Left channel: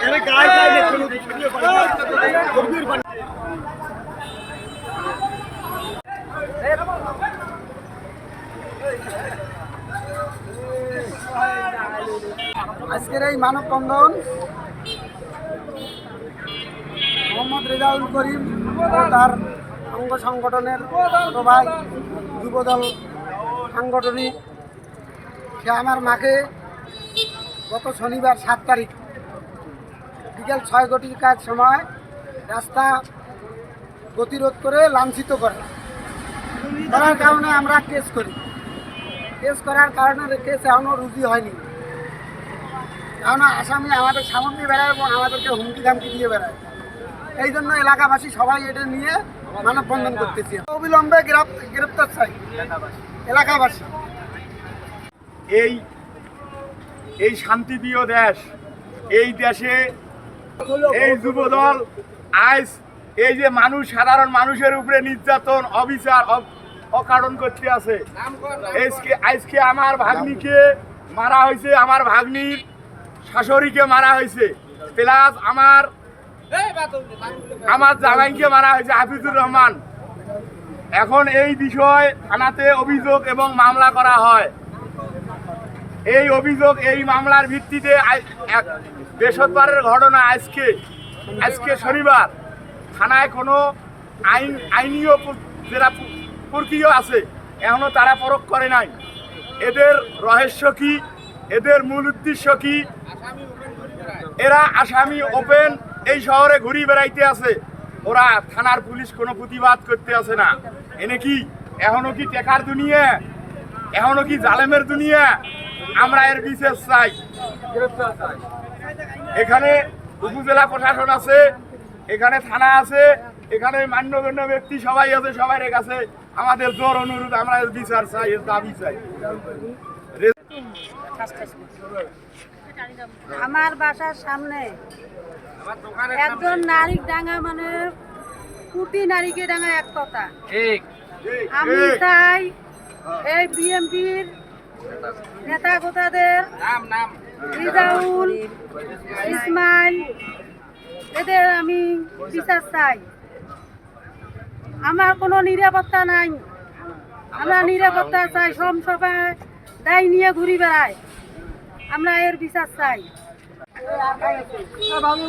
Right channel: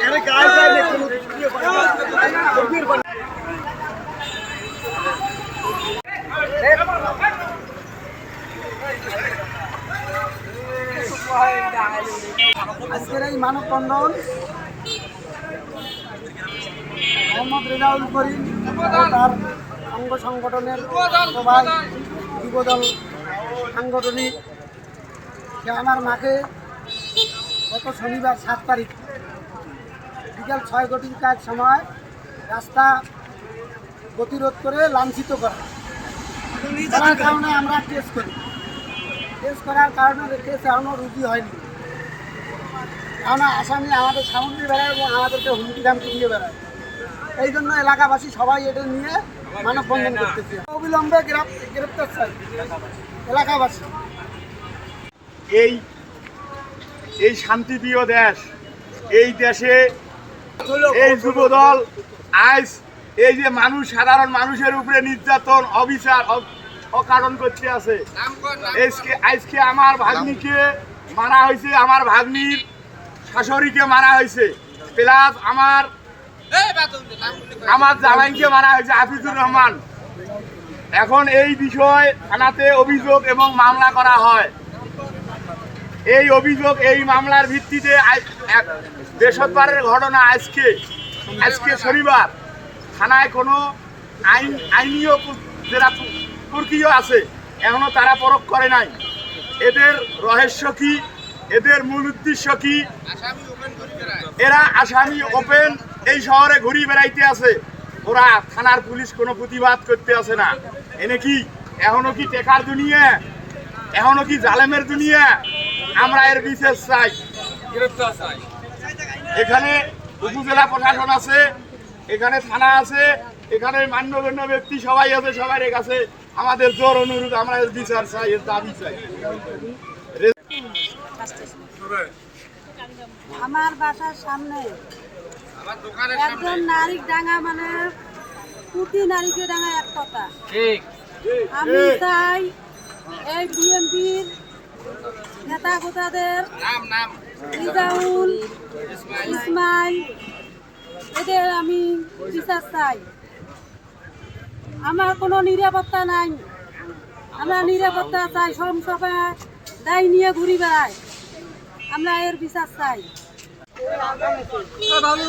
Ini kaya, ini আজকের এই মানববন্ধন মোহাম্মদ রেজাউল করিম তার অঙ্গ সংগঠনের সবাই যুবদল সাংগঠনিক সে আমার মাকে গত শনিবার সাত তারিখ বিকেল ছয় ঘটিকার সময় রাস্তা গতিরোধ করে লাঞ্ছিত করে। করার কারণে আমরা কেস করি। কেস করার কারণে কেস এখনও রুজু হয়নি। কারণ আসামি আমাদের সামনে বেড়ায় এবং আমাদেরকে হুমকি ধামকি দিয়ে বেড়ায়। এই জন্য এলাকাবাসী সবাই এটা নিয়ে মানববন্ধন করতেছে। অবিলম্বে গ্রেপ্তার চাই। এলাকাবাসী। এই এই শান্তিপ্রিয় দেশ এই দেশে এই যুবদল আজ এই যে মানুষ সাধারণ মানুষের উপরে নির্যাতন অবিচার অকারণ করতে আছে। আজকে আজকে আমার ভাগ্নিকে মারা হয়েছে আমার ভাগ্নির শাশুড়িকে মারা হয়েছে। প্লাস আমার আমার জামাইকে মারা হয়েছে হাফিজুর রহমান। এখন এই বিষয় থানাতে অভিযোগ এবং মামলা করা হয়। এই অভিযোগ এই মামলার ভিত্তিতে বৃহস্পতিবারের ঘটনা আজকে আজকে শনিবার। থানায় কোনো আইন আইনীয় যারা প্রক্রিয়া আছে এখনও তারা পরখ করে নাই। এদের রহস্য কি? এদের মূল উদ্দেশ্য কি? এরা আসামি ওপেন এই শহরে ঘুরি বেড়াইতে আছে। ওরা থানার পুলিশ কোনো প্রতিবাদ করতে আছে না। এনে কি? এখনও কি টেকার দুনিয়া? এখনও কি জালেমের দুনিয়া? আমরা এর বিশেষ চাই। এখানে উপজেলা প্রশাসন আছে এখানে থানা আছে এখানে মান্যগণ্য ব্যক্তি সবাই আছে সবার কাছে আমাদের জোর অনুরোধ আমরা এর বিচার চাই এর দাবি চাই। আমার বাসার সামনে একজন নারী ডাঙা মানে কুটি নারীকে ডাঙা এক কথা। আমি চাই এই বিএমপির নেতা গোতাদের রিজাউল ইসমাইল এদের আমি বিচার চাই। আমার কোনো নিরাপত্তা নাই। আমরা নিরাপত্তা চাই সব সময় দায় নিয়ে ঘুরি বেড়াই আমরা এর বিচার চাই। বাবলু